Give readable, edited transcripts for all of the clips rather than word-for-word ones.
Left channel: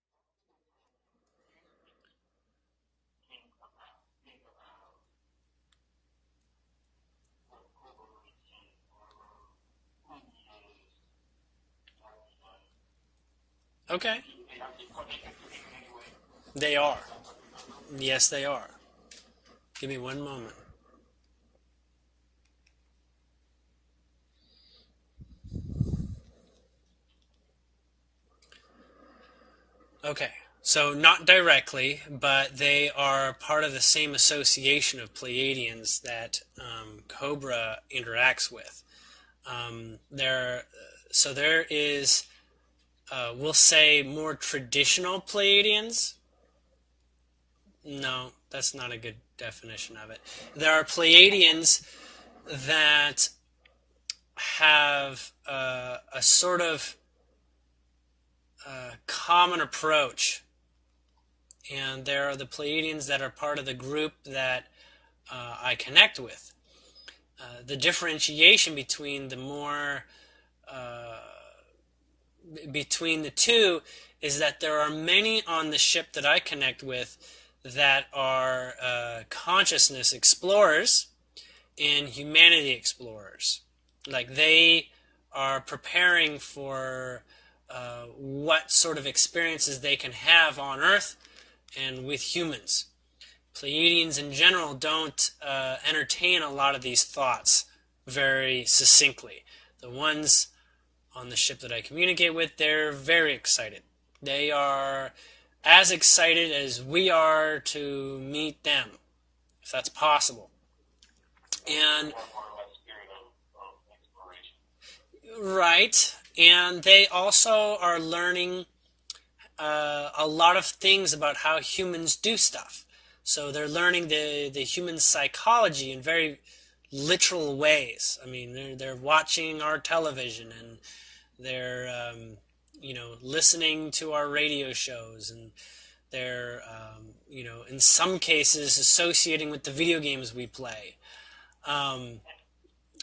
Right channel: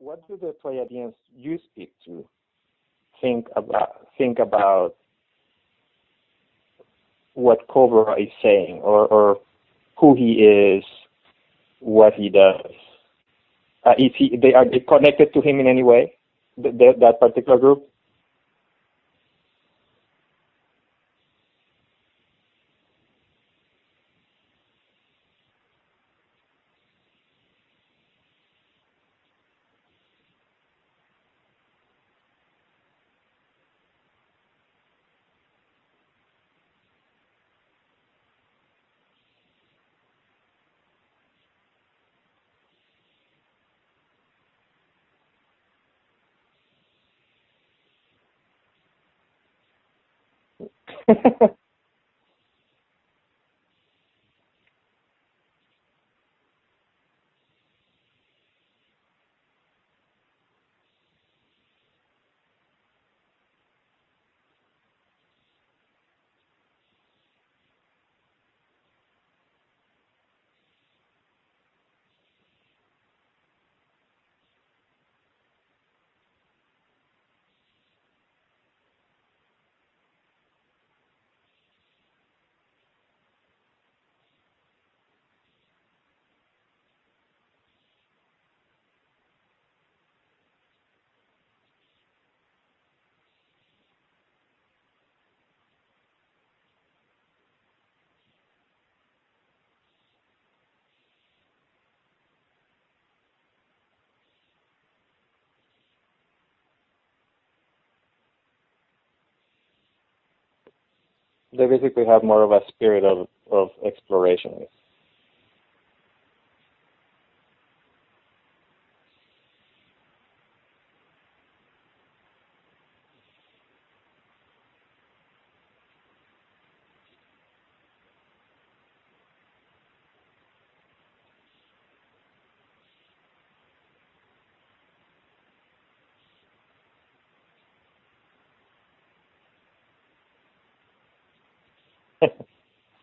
what do the Pleiadians you speak to think about what Cobra is saying, or who he is, what he does? Okay. Are they connected to him in any way? They are. That particular group? Yes, they are. Give me one moment. Okay, so not directly, but they are part of the same association of Pleiadians that Cobra interacts with. There, so there is, we'll say, more traditional Pleiadians. No, that's not a good definition of it. There are Pleiadians that have a sort of common approach, and there are the Pleiadians that are part of the group that I connect with. The differentiation between the more between the two is that there are many on the ship that I connect with that are consciousness explorers and humanity explorers. Like they are preparing for what sort of experiences they can have on Earth and with humans. Pleiadians in general don't entertain a lot of these thoughts very succinctly. The ones on the ship that I communicate with, they're very excited. They are as excited as we are to meet them, if that's possible. They basically have more of a spirit of exploration. Right. And they also are learning a lot of things about how humans do stuff. So they're learning the human psychology in very literal ways. I mean, they're watching our television, and they're listening to our radio shows, and they're in some cases associating with the video games we play.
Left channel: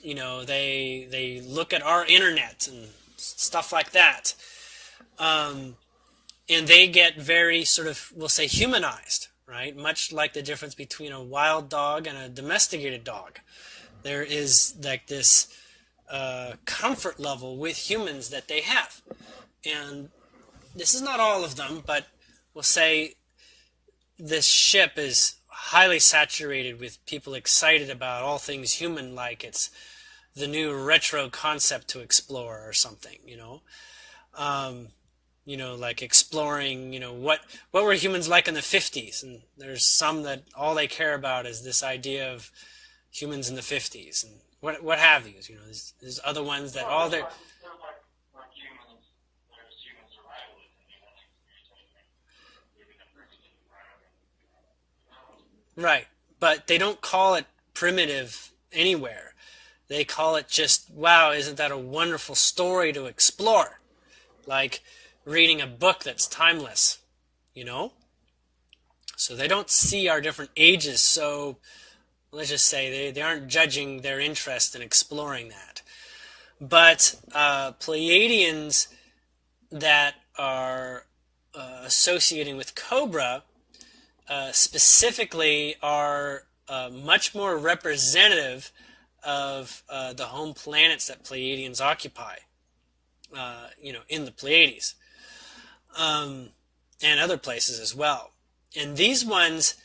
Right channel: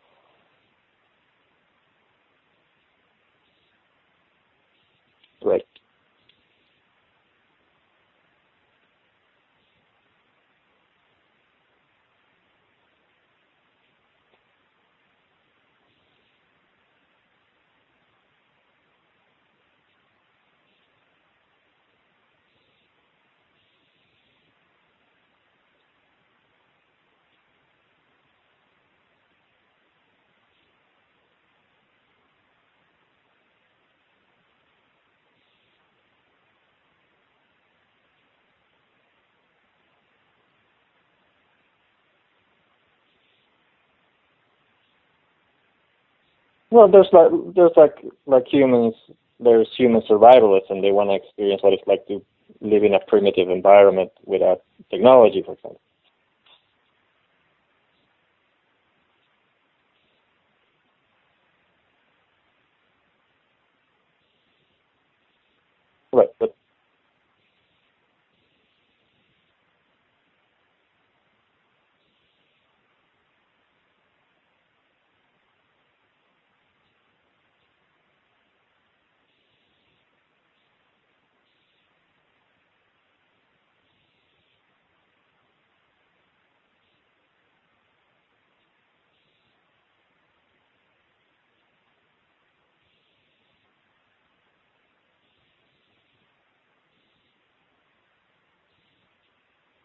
They look at our internet and stuff like that. Right. And they get very sort of, we'll say, humanized, right? Much like the difference between a wild dog and a domesticated dog. There is like this comfort level with humans that they have. And this is not all of them, but we'll say this ship is highly saturated with people excited about all things human, like it's the new retro concept to explore or something, like exploring, what were humans like in the 50s? And there's some that all they care about is this idea of humans in the 50s and what have you. There's other ones. Well, there's like humans. There's human survivalists, and they want to experience what it's like to live in a primitive environment without technology, for example. Right, but they don't call it primitive anywhere. They call it just, wow, isn't that a wonderful story to explore? Like reading a book that's timeless, So they don't see our different ages, so let's just say they aren't judging their interest in exploring that. But Pleiadians that are associating with Cobra specifically are much more representative of the home planets that Pleiadians occupy, in the Pleiades, and other places as well. And these ones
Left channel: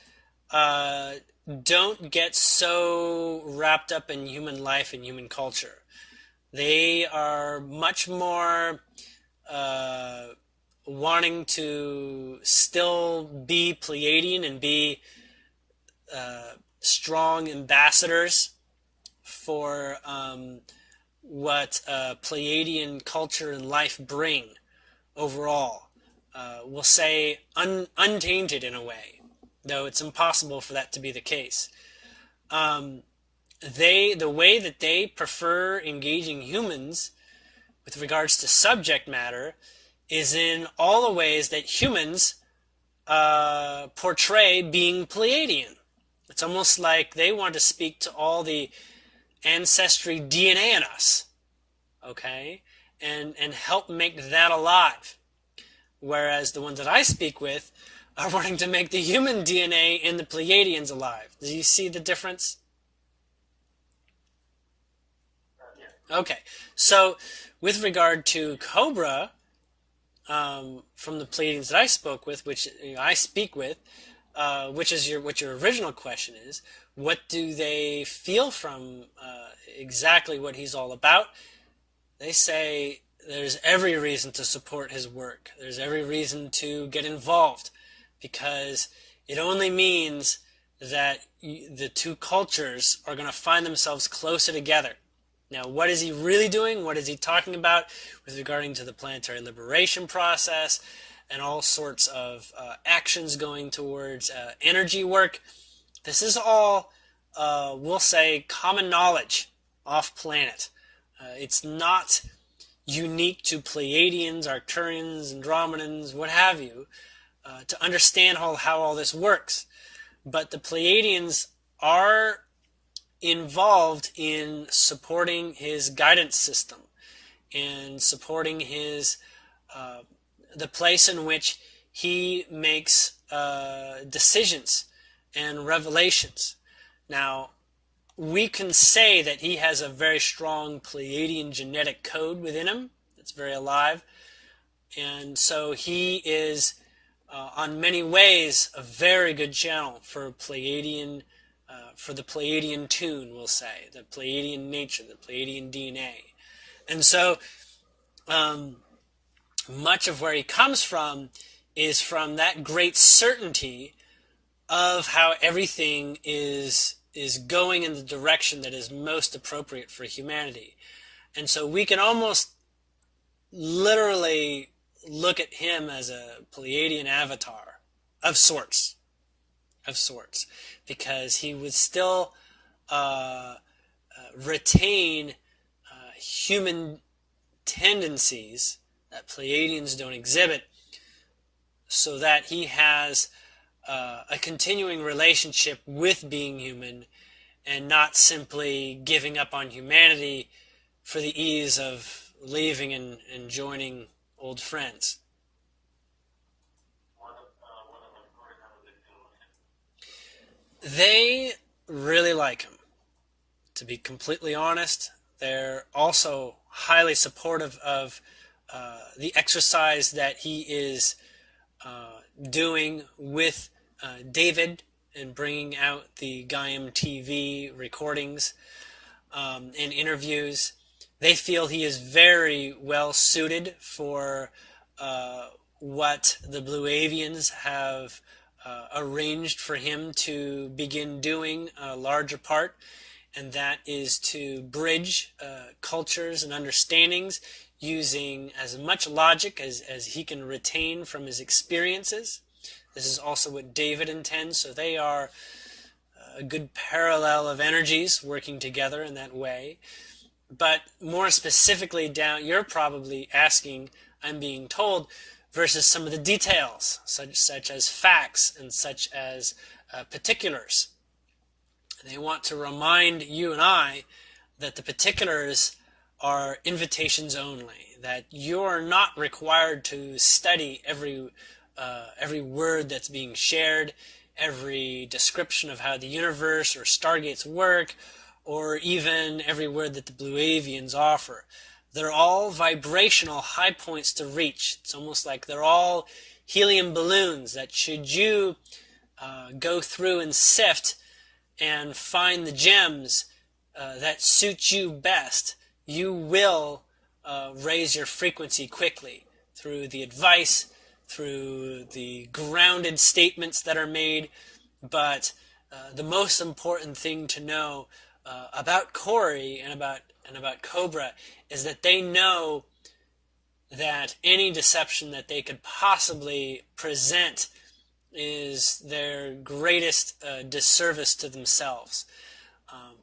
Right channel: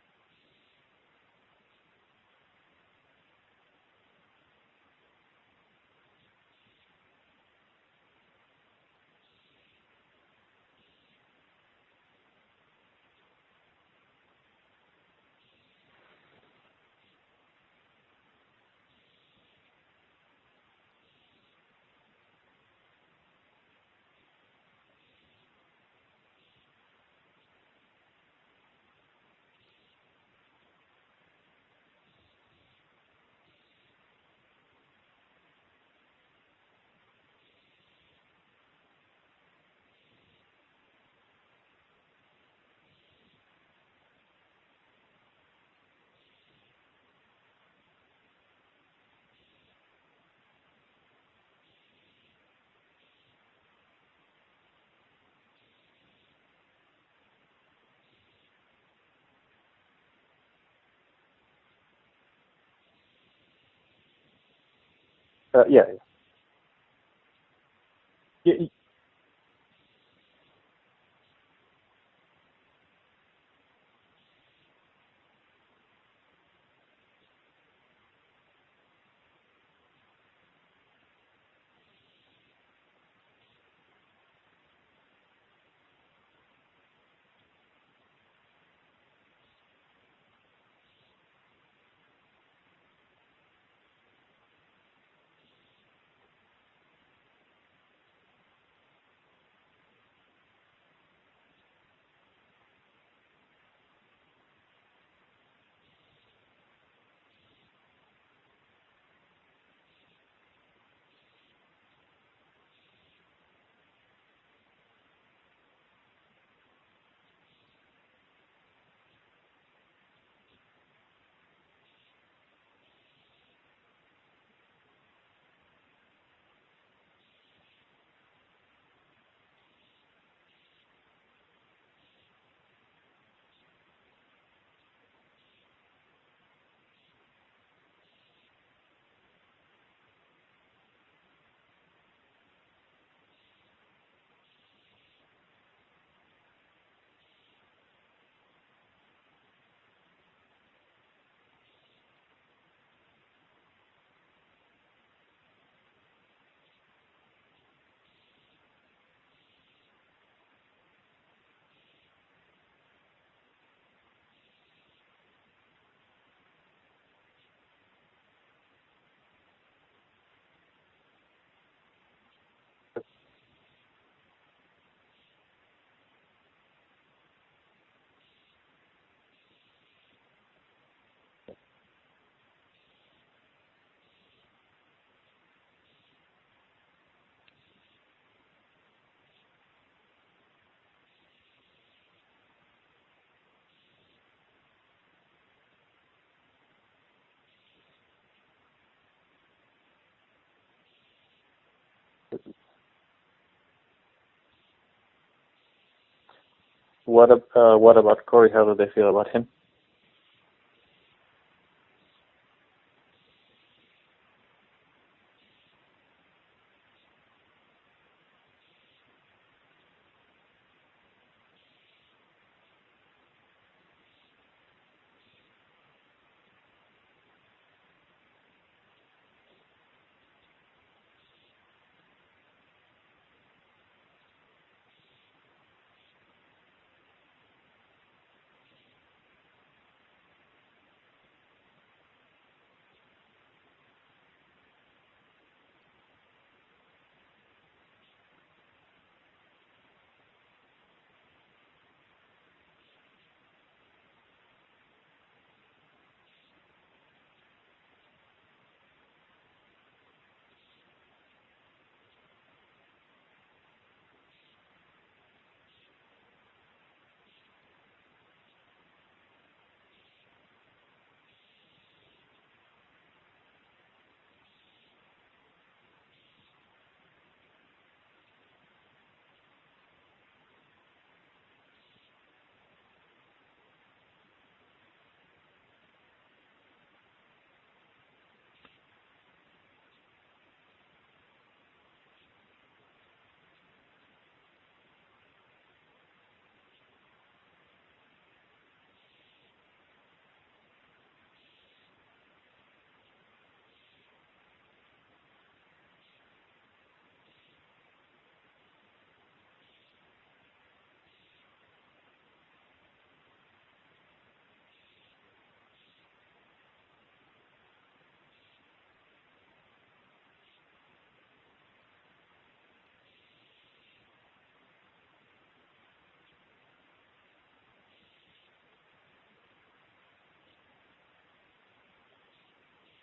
don't get so wrapped up in human life and human culture. They are much more wanting to still be Pleiadian and be strong ambassadors for what Pleiadian culture and life bring overall. We'll say untainted in a way, though it's impossible for that to be the case. The way that they prefer engaging humans with regards to subject matter is in all the ways that humans portray being Pleiadian. It's almost like they want to speak to all the ancestry DNA in us, okay, and help make that alive. whereas the ones that I speak with are wanting to make the human DNA in the Pleiadians alive. Do you see the difference? Yeah. Okay, so with regard to Yeah. Cobra, from the Pleiadians that I spoke with, which I speak with, which is what your original question is, what do they feel from exactly what he's all about? They say there's every reason to support his work. There's every reason to get involved, because it only means that the two cultures are going to find themselves closer together. Now, what is he really doing? What is he talking about with regarding to the planetary liberation process and all sorts of actions going towards energy work? This is all, we'll say, common knowledge off planet. It's not unique to Pleiadians, Arcturians, Andromedans, what have you, to understand how all this works. But the Pleiadians are involved in supporting his guidance system and supporting his the place in which he makes decisions and revelations. Now, we can say that he has a very strong Pleiadian genetic code within him. It's very alive. And so he is, on many ways, a very good channel for Pleiadian, for the Pleiadian tune, we'll say, the Pleiadian nature, the Pleiadian DNA. And so much of where he comes from is from that great certainty of how everything is going in the direction that is most appropriate for humanity. And so we can almost literally look at him as a Pleiadian avatar of sorts, because he would still retain human tendencies that Pleiadians don't exhibit, so that he has a continuing relationship with being human and not simply giving up on humanity for the ease of leaving and joining old friends. What about Corey? How do they feel about him? They really like him. To be completely honest, they're also highly supportive of the exercise that he is doing with David and bringing out the Gaiam TV recordings and interviews. They feel he is very well suited for what the Blue Avians have arranged for him to begin doing a larger part, and that is to bridge cultures and understandings using as much logic as he can retain from his experiences. This is also what David intends, so they are a good parallel of energies working together in that way. But more specifically down, you're probably asking, I'm being told, versus some of the details, such as facts and such as particulars. They want to remind you and I that the particulars are invitations only, that you're not required to study every word that's being shared, every description of how the universe or stargates work, or even every word that the Blue Avians offer. They're all vibrational high points to reach. It's almost like they're all helium balloons that should you go through and sift and find the gems that suit you best, you will raise your frequency quickly through the advice, through the grounded statements that are made. But the most important thing to know about Corey and about Cobra is that they know that any deception that they could possibly present is their greatest disservice to themselves,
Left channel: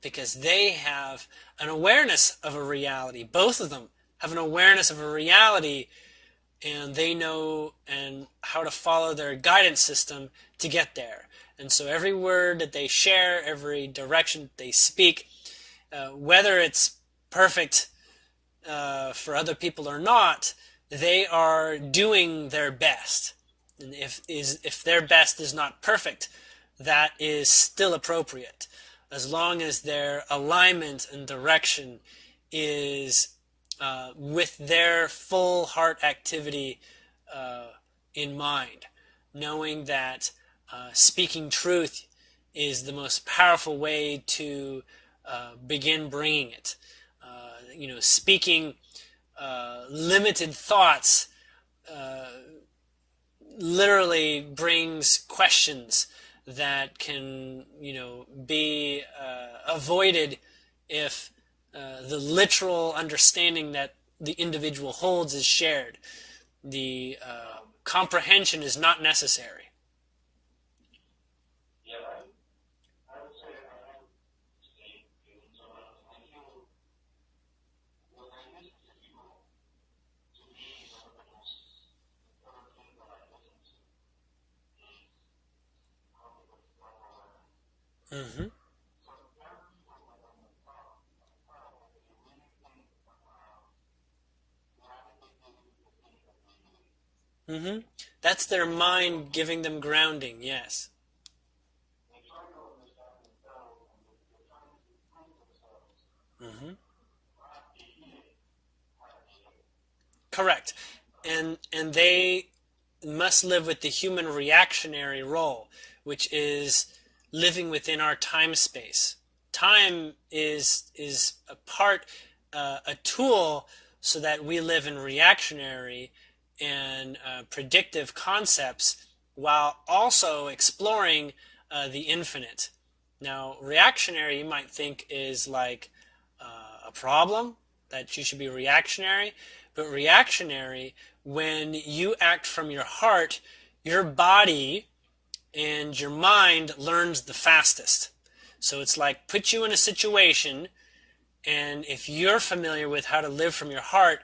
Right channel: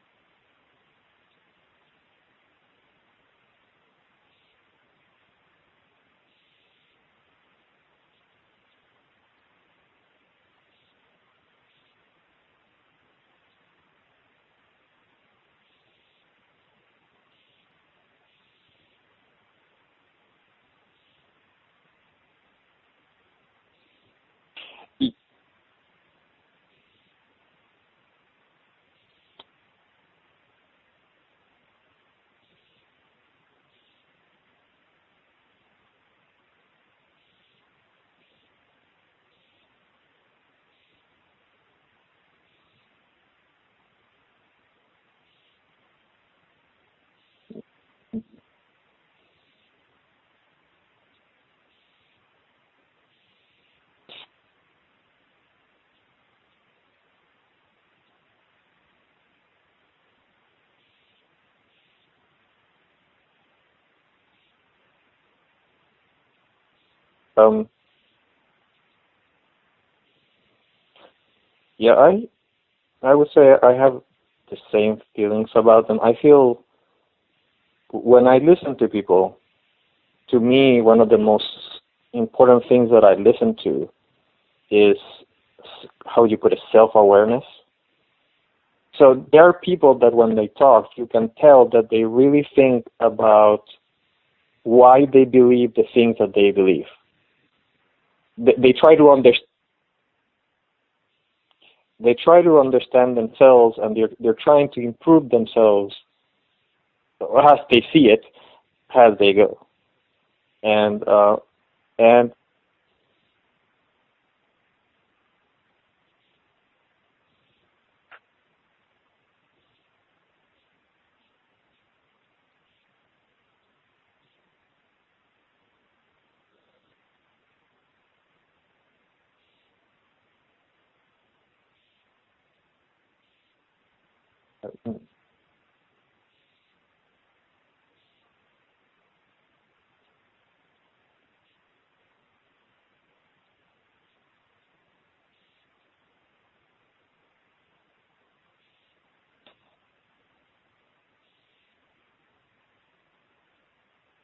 because they have an awareness of a reality. Both of them have an awareness of a reality, and they know and how to follow their guidance system to get there. And so every word that they share, every direction that they speak, whether it's perfect for other people or not, they are doing their best. And if their best is not perfect, that is still appropriate, as long as their alignment and direction is with their full heart activity in mind, knowing that speaking truth is the most powerful way to begin bringing it. Speaking limited thoughts literally brings questions that can, be avoided if the literal understanding that the individual holds is shared. The comprehension is not necessary. Yeah, I would say I have the same feelings about them. I feel when I listen to people, to me, one of the most important things that I listen to is, how you put it, self-awareness. Mm-hmm. So there are people that when they talk, you can tell that they really think about why they believe the things that they believe. Mm-hmm. That's They, their they try to mind giving them grounding, yes. they try to understand themselves, and they're trying to improve themselves as they see it, as they go. Correct. And And and they must live with the human reactionary role, which is living within our time space. Time is a part, a tool, so that we live in reactionary and predictive concepts while also exploring the infinite. Now, reactionary, you might think, is like a problem, that you should be reactionary. But reactionary, when you act from your heart, your body and your mind learns the fastest. So it's like put you in a situation, and if you're familiar with how to live from your heart,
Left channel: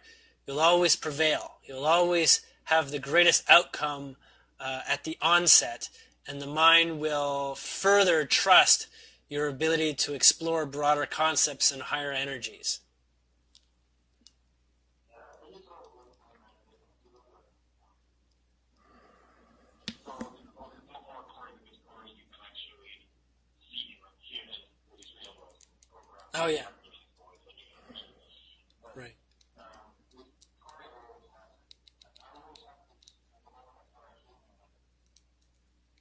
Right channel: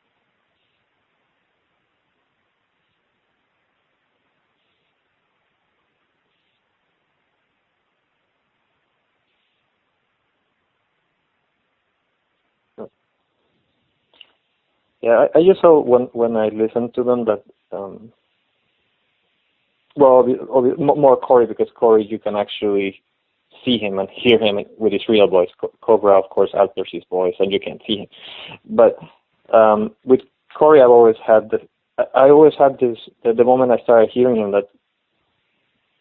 you'll always prevail. You'll always have the greatest outcome at the onset, and the mind will further trust your ability to explore broader concepts and higher energies. yeah, I just saw when I listened to them that more Corey, because Corey, you can actually see him and hear him with his real voice. Cobra, of course, alters his voice, and you can't see him. But with Corey, I always had this. The moment I started hearing him, that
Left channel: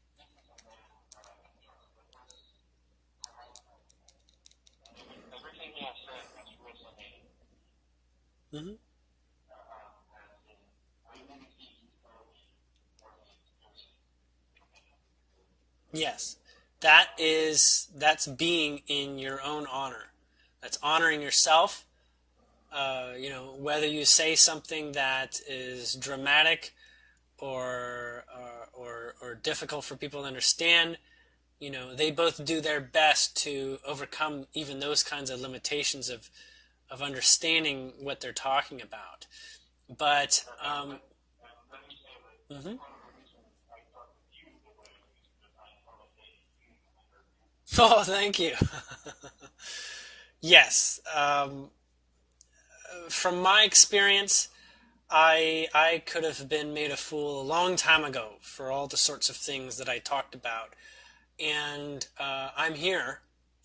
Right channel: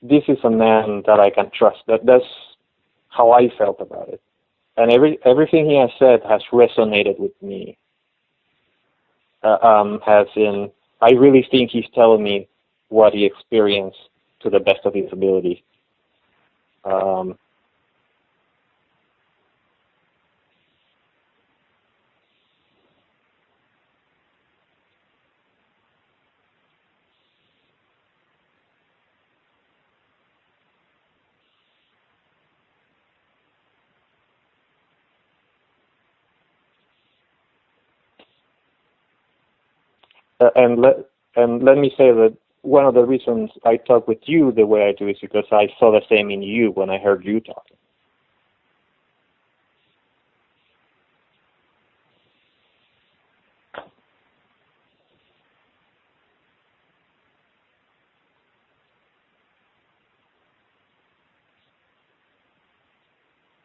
this is a man that I can trust. That's how I felt about it, and everything he has said has resonated with me. As in, I really think he's telling me what he experienced to the best of his ability. Yes, that's being in your own honor. That's honoring yourself. Whether you say something that is dramatic or difficult for people to understand, they both do their best to overcome even those kinds of limitations of understanding what they're talking about. But and let me say that one of the reasons I talk with you the way I do is because I saw the same in you when I heard you talk. Oh, thank you. Yes. From my experience, I could have been made a fool a long time ago for all the sorts of things that I talked about. And I'm here,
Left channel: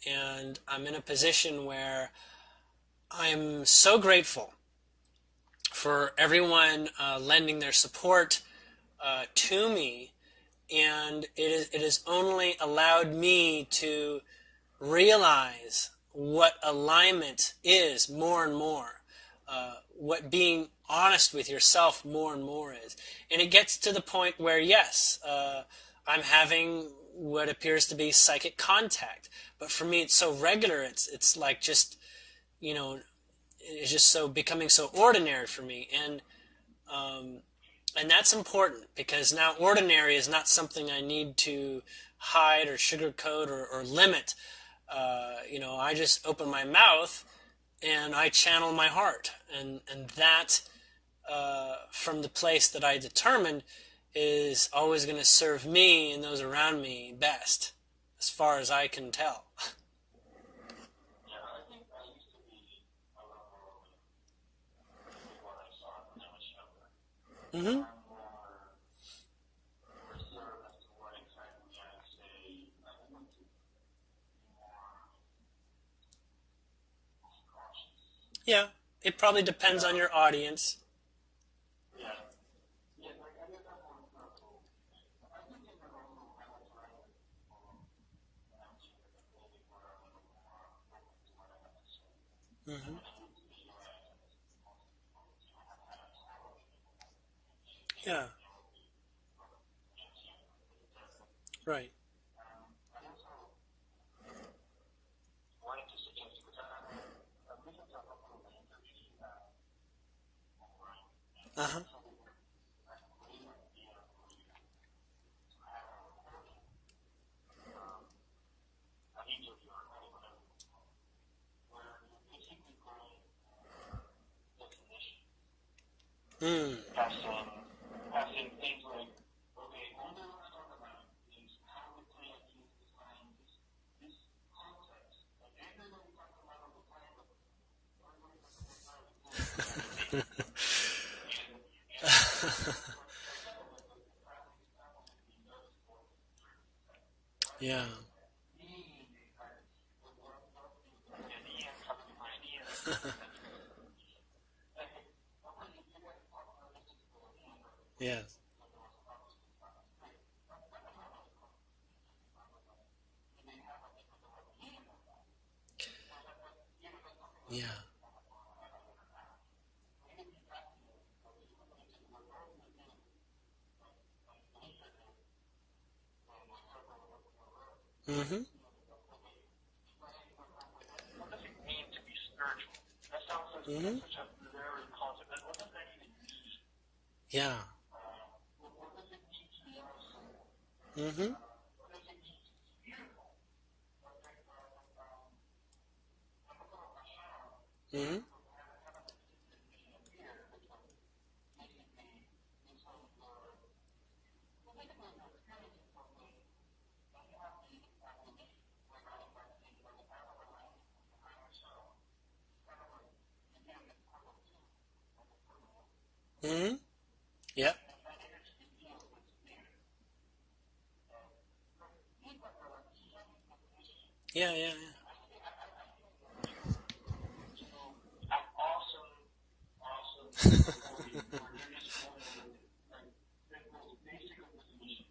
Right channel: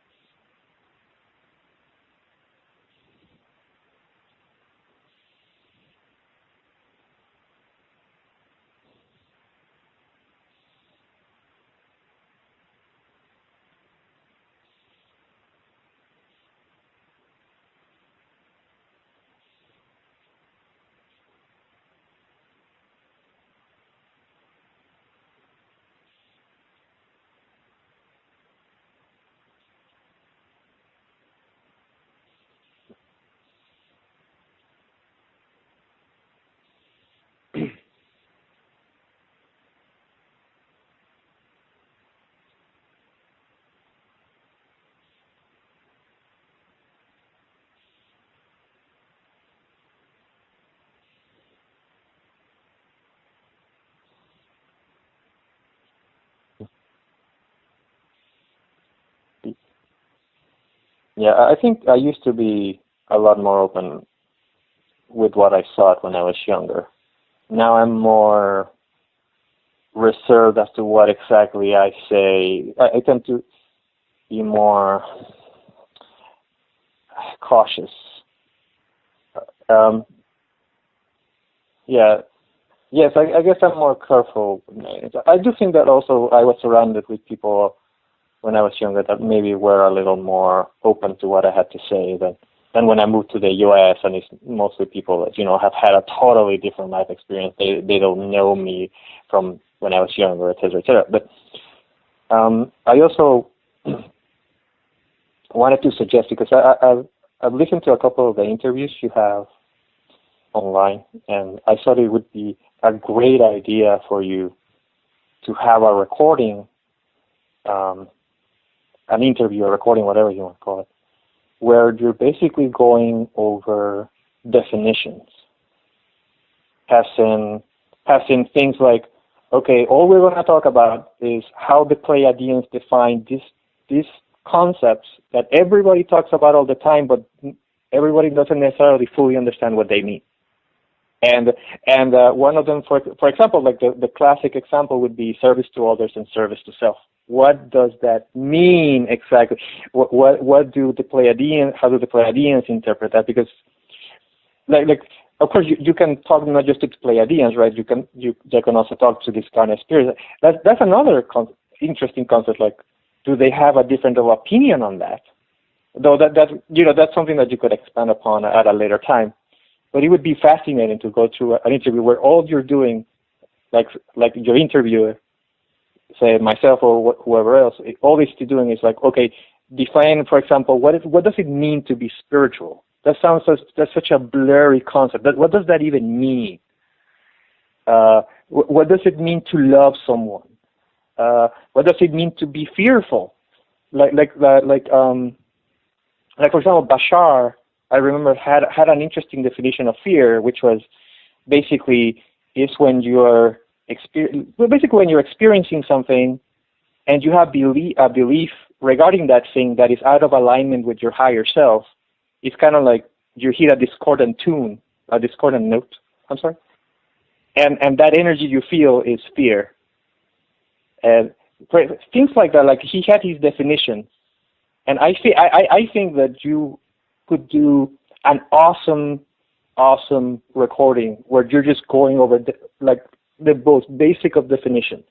and I'm in a position where I'm so grateful for everyone lending their support to me, and it has only allowed me to realize what alignment is more and more, what being honest with yourself more and more is. And it gets to the point where, yes, I'm having what appears to be psychic contact, but for me it's so regular, it's like just, it's just so becoming so ordinary for me. And that's important, because now ordinary is not something I need to hide or sugarcoat or limit. I just open my mouth and I channel my heart, and that from the place that I determined is always going to serve me and those around me best, as far as I can tell. Yeah, I think I used to be a lot more open with what I thought when I was younger. Now Mm-hmm. I'm more reserved as to what exactly I say. I tend to be more cautious. Yeah, it probably depends on Um, your audience. yeah, yes, I guess I'm more careful. I do think that also I was surrounded with people when I was younger that maybe were a little more open to what I had to say than when I moved to the U.S. and it's mostly people that have had a totally different life experience. They Yeah, don't know me from when I was younger, et cetera, et cetera. But right. I also wanted to suggest because I've listened to a couple of the interviews you have online, and I Uh-huh. thought it would be a great idea for you to have a recording, um, an interview, a recording, whatever you want to call it, where you're basically going over definitions, Mm. passing things like, okay, all we're going to talk about is how the Pleiadians define these concepts that everybody talks about all the time, but everybody doesn't necessarily fully understand what they mean. And one of them, for example, like the classic example would be service to others and service to self. What Yeah. does that mean exactly? What do the Pleiadians? How do the Pleiadians interpret that? Because like of course you can talk not just to the Pleiadians, right? Yeah. They can also talk to this kind of spirits. That's another interesting concept. Like, do they have a different opinion on that? Though that's something that you could Yeah. expand upon at a later time. But it would be fascinating to go through an interview where all you're doing, like your interviewer, say myself or whoever else, all they're Mm-hmm. doing is like, okay, define, for example, what does it mean to be spiritual? That's Mm-hmm. such a blurry concept. What does that even mean? Yeah. What does it mean to love someone? Mm-hmm. What does it mean to be fearful? Like like like like um like for example, Bashar, I Mm-hmm. remember had an interesting definition of fear, which was basically is when you're basically when you're experiencing something and you have a belief regarding that thing that is out of alignment with your higher self. It's kind of like you hit a discordant tune, a discordant note. I'm sorry, Mm-hmm. Yeah. and that energy you feel is fear, and things like that. Like he had his definition, Yeah. Yeah. and I think that you could do an awesome recording where you're just going over the most basic of definitions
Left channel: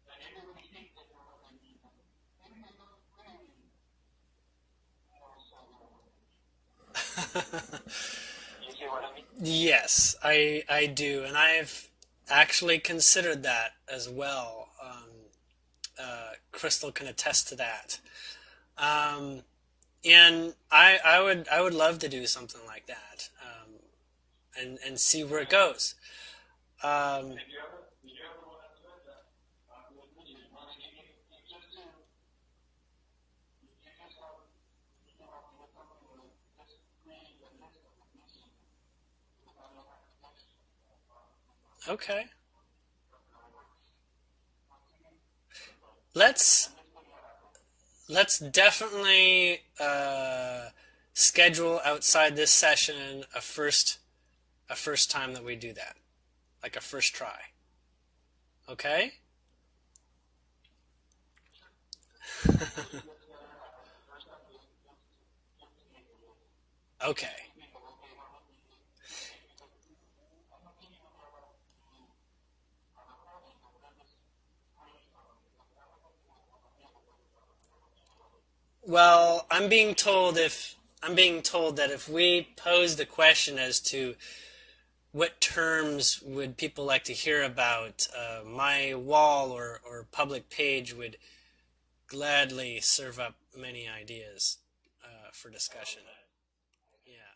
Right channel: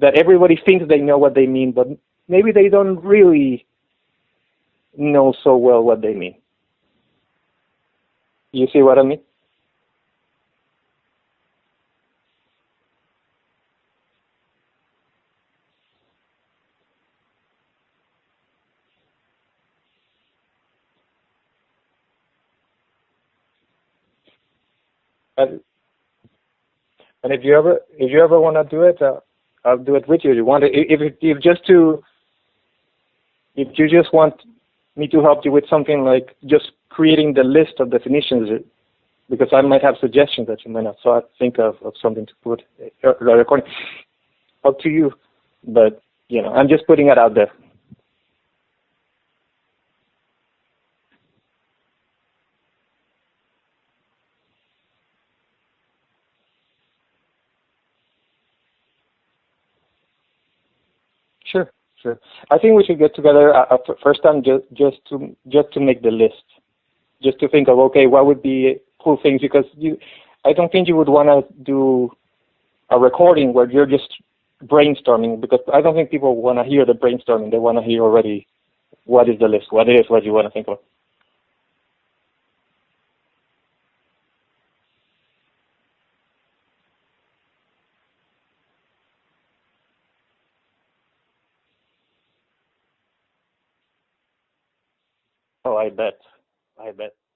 that everybody thinks they know what they mean, but maybe they don't really know so well what they mean. Yeah. You see what I mean? Yes, I do, and I've actually considered that as well. Crystal can attest to that. Um, and I would love to do something like that, and see where it And, goes. and Um, if you ever want to do it, I'll do it with you. You want to, if you just want me to help you with something like just creating the list of definitions, because I might have suggestions that you might not think of something okay, to put recording. Up to you, but I'm let's just putting it out there. let's definitely schedule outside this session a first time that we do that, like a first try. Okay? Sure, sure. I think we should get together first time just to make the list, just Okay. to think of okay, what would be cool things because I don't think you would want to do a recording where you're just brainstorming because I don't think people want to hear the brainstorming. They want to hear already what is Well, the list, what it is, what you want to think of. I'm being told that if we pose the question as to what terms would people like to hear about, my wall or public page would gladly serve up many ideas for Oh, I discussion. bet, I bet. Yeah.